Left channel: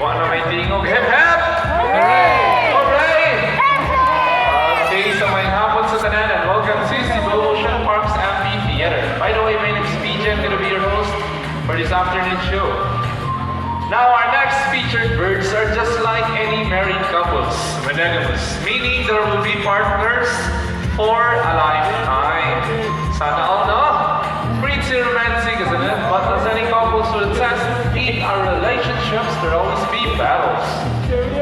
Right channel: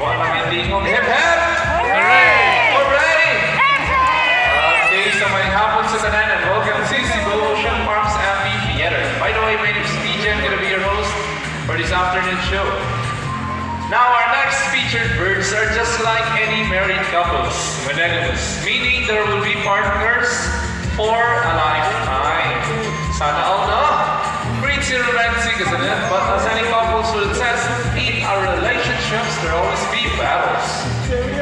Wala may tingog. Hep, hep! Hooray! Hooray! Okay, so may hapon sa tanan and welcome to Cebu Ocean Parks Amphitheater. By the way, my name is PJ. I'm going to be your host for this afternoon show. Now, our next featured birds are just like any married couples, monogamous, meaning there will be partners for a lifetime. Sana all, no? Pretty romantic, isn't it? But as any couples will attest, in our relationships, there always be battles.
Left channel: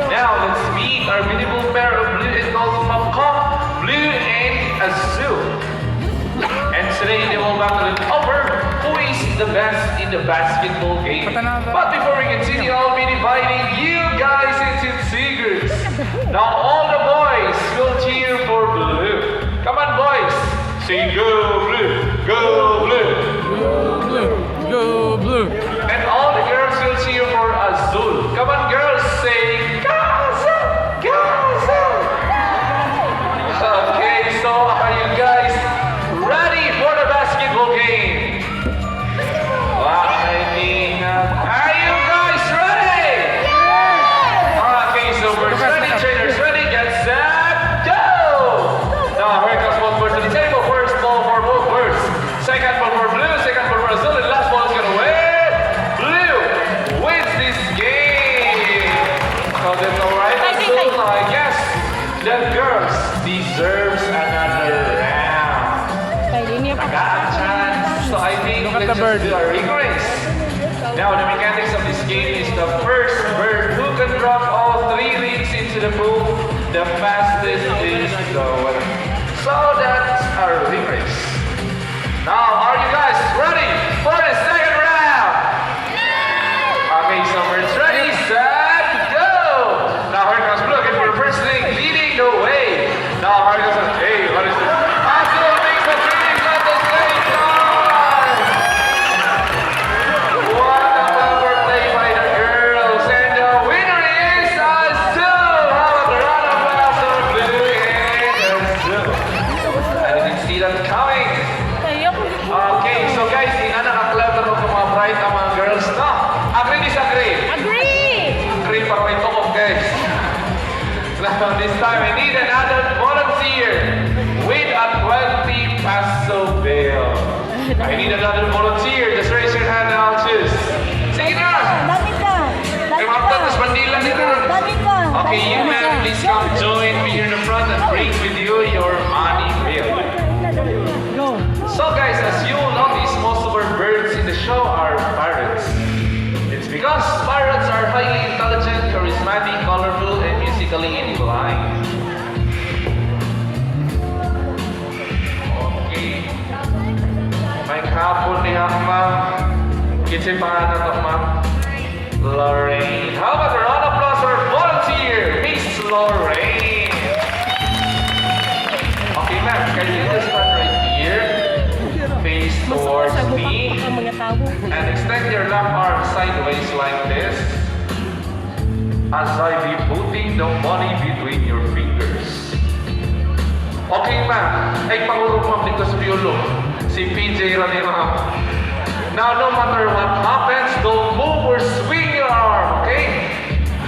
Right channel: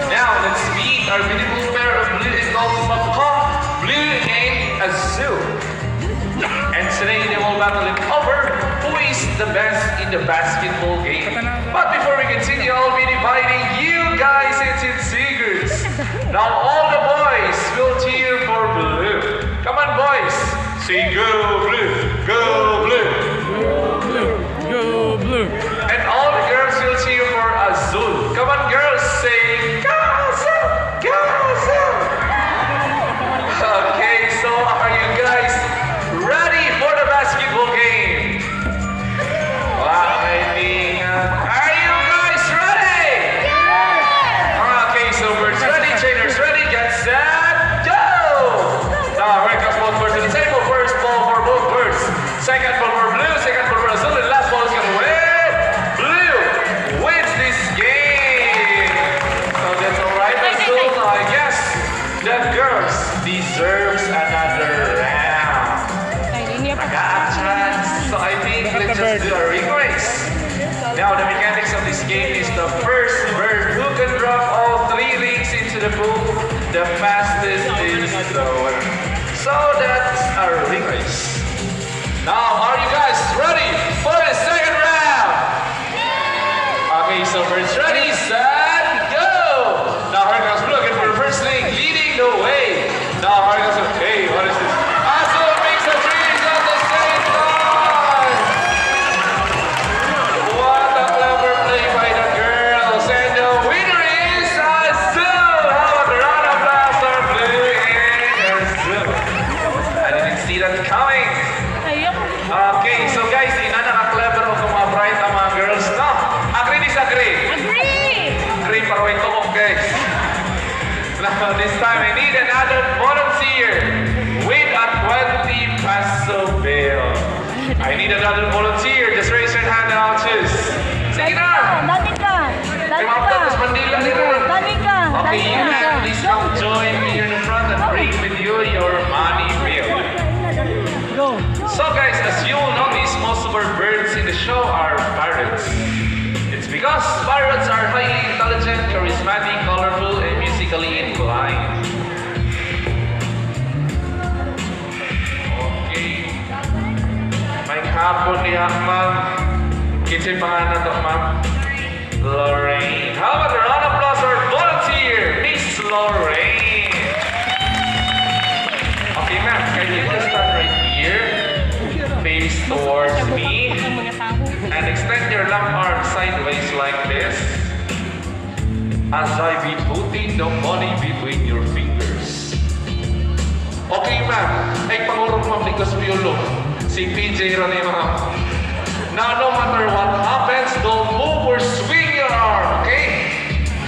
Now, let's meet our beautiful pair of blue and gold macaw, blue and azul. And today, they will battle it over who is the best in the basketball game. But before we continue, I'll be dividing you guys into two groups. Now, all the boys will cheer for blue. Come on, boys. Say go blue, go blue. Go blue, go blue. And all the girls will cheer for azul. Come on, girls, say go azul, go azul. Okay, so are you guys ready for the basketball game? Are you guys ready? Okay, so we're ready, checkers ready, get set, go! Now, right, let's both to the table. First ball for both birds. Second ball for blue, second ball for azul, and last ball is gonna win. Blue wins this game. So that's alright, azul. I guess the girls deserves another round. I got a chance. So I think Look at let's the bird. just do a ring race. Now the mechanics of this game is the first bird who can drop all three rings into the pool, the fastest is the winner. So that's our ring race. Now, are you guys ready for the second round? Okay, so birds ready, set, go! Now, here comes blue again for the first ring, leading the way. Now, here comes, hey, what is this? Azul makes the trees at the same time! What a clever play by the girls, and the winner is Azul! How about the round of applause for blue and Azul? I didn't see that coming. Okay, so guys, di na naka-clever mo kung mga bright ang mga girls. No? Agree, disagree? Agree pa rin ito, guys. Now, this time, I need another volunteer with a 20 peso bill. I need another volunteer. Just raise your hand and I'll choose. Sige na! Ay, mga pagkas Mandila nila. Okay, you can please come join me here in the front and bring with you your money bill. So guys, as you all notice, most of our birds in the show are parrots. It's because parrots are highly intelligent, charismatic, colorful, and musically inclined. Okay. May hapon niya, ma'am. Kisipahan na to, ma'am. Lorraine. How about a round of applause for volunteer, Miss Lorraine? Okay, ma'am, can you just start right here? Face towards me and extend your left arm sideways like this as I be putting the money between your fingers. Okay, ma'am. Ay, pangurong ma'am, because piolo. Si PJ rin yung Now, no matter what happens, don't move or swing your arm, okay?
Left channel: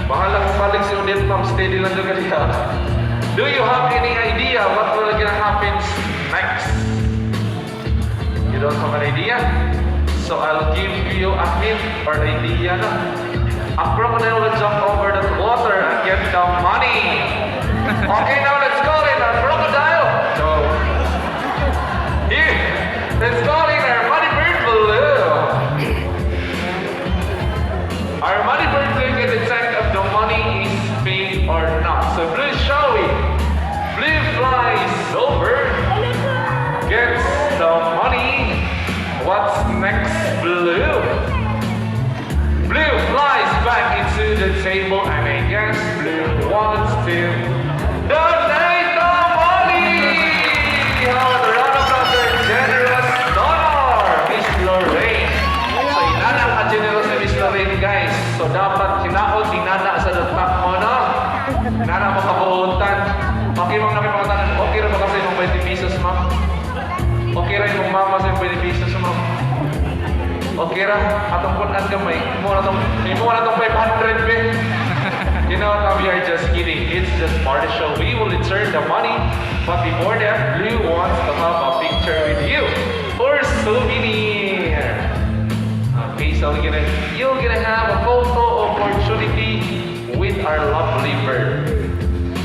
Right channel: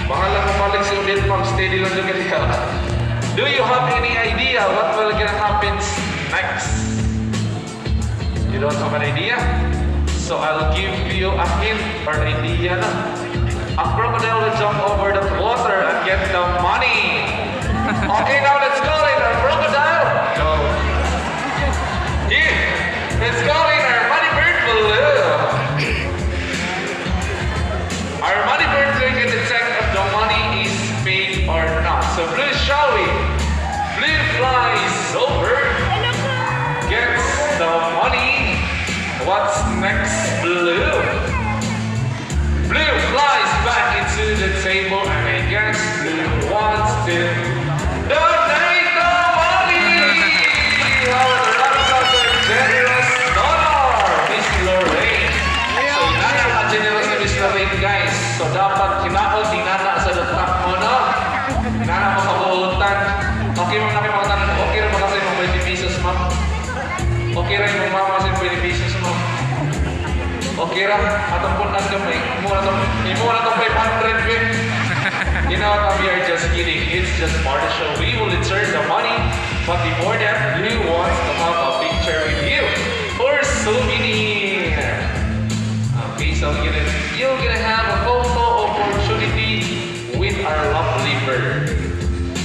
Bahalang balik si ulit, ma'am. Steady lang yung kanila. Do you have any idea what will gonna happen next? You don't have an idea? So I'll give you a hint or idea na. A crocodile will jump over the water and get the money. Okay, now let's go in our crocodile. Go. Here, let's go in our money bird blue. Our money bird will get the check of the money is paid or not. So blue, shall we? Blue flies over, gets the money. What's next, blue? Blue flies back into the table and I guess blue wants to donate the money! How the round of applause, generous donor, Miss Lorraine. So inana ka generous na Miss Lorraine, guys. So dapat kinaot, tinana sa dapat mo, no? Inana mo kabuhutan. Okay, ma'am, nakipangutan. Okay na ba kasi yung 20 pesos, ma'am? Okay rin yung mama sa 20 pesos, ma'am. Okay ra, atong punan gamay. Imo na tong 500 bit. You know what? We are just kidding. It's just part of the show. We will insert the money, but before that, Blue wants to have a picture with you for souvenir. Okay, so you're gonna have a photo opportunity with our lovely bird.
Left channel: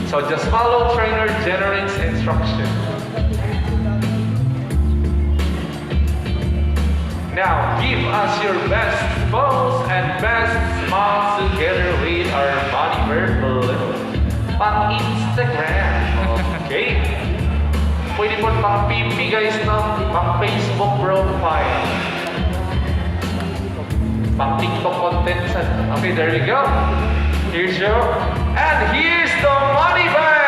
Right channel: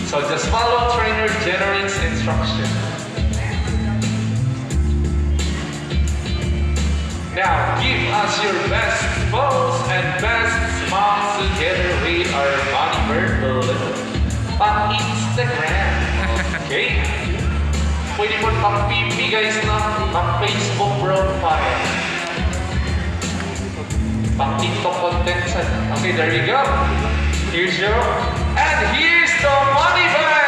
So just follow trainer General's instruction. Now, give us your best pose and best smile together with our body bird balloon. Pang Instagram. Okay? Pwede mo pang PP guys na pang Facebook profile. Pang TikTok content. Okay, there we go. Here's your... And here's the money bag!